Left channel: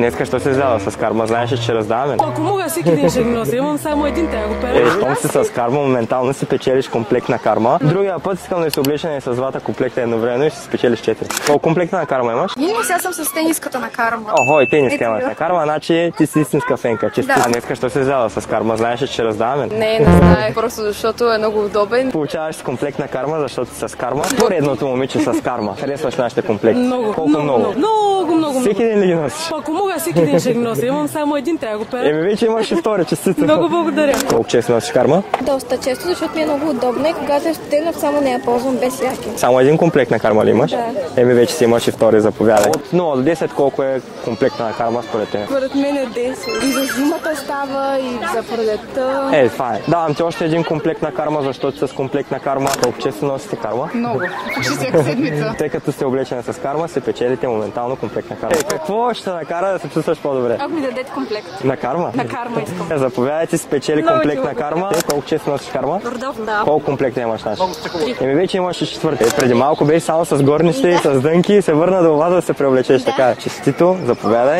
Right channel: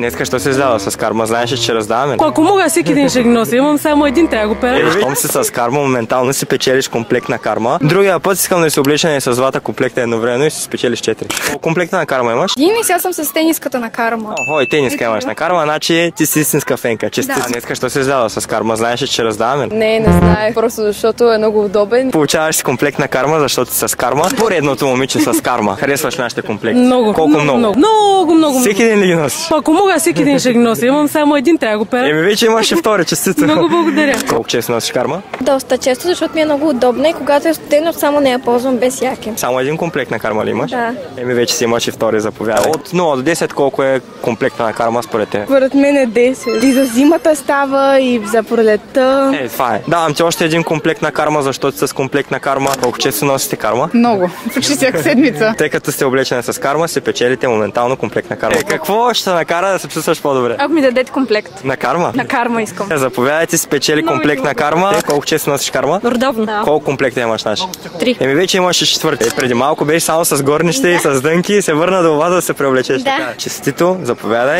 Днеска що се издава с карма? Знаеш ли, че раздаваме? Ако мога всеки ден ще ги нося, имам само един, трябва да го пера. Щом си с карма, моментално си печелиш комплект на карма. Другия път искам да си облечен и с двата комплекта едновременно и си спечелиш 4. Колко комплекта на карма имаш? Ние сега съм с тениската на карма. Охо, и тениска имаш на карма, значи ти си истинска фенка. Честит. Да. Днеска що се издава с карма? Знаеш ли, че раздаваме? Не знае, просто защото е много удобен. Получаваш си комплект на карма, защото си с карма. Поредното момиче с карма. Харесваш нашите комплекти? Много. Колко много? Много. Всеки ден ли ги носиш? Ако мога всеки ден ще ги нося, имам само един, трябва да го пера. Вече имаш и втори, честито. Много благодаря. Колко често носиш карма? Доста често, защото ми е много удобна и когато е студено, само не я ползвам без яки. Само един комплект на карма ли имаш? Да. Вече си имаш и втори, заповядай. От 0 до 10 колко е комплекта на карма според те? Според мен е 10. И за зимата става, и за пролетта. Това е. Давам ти още един комплект на карма, защото с комплект на карма колко често носите карма? Много. Почти всяка седмица. Тъй като сте облечени с карма, се печелите моментално комплект на карма. Какво ще накара да се чувстваш по-добре? Ако ми дадете комплект. На карма? На карма искам. Заповядайте, си печели комплект на карма. Колко често носиш карма? Редовно. Колко комплекта имаш наш? 3. Вече имаш и четвърти. Преди малко беше само с горнище и с дънки и се върна до вас да се преоблечеш. Така, честито, заповядай.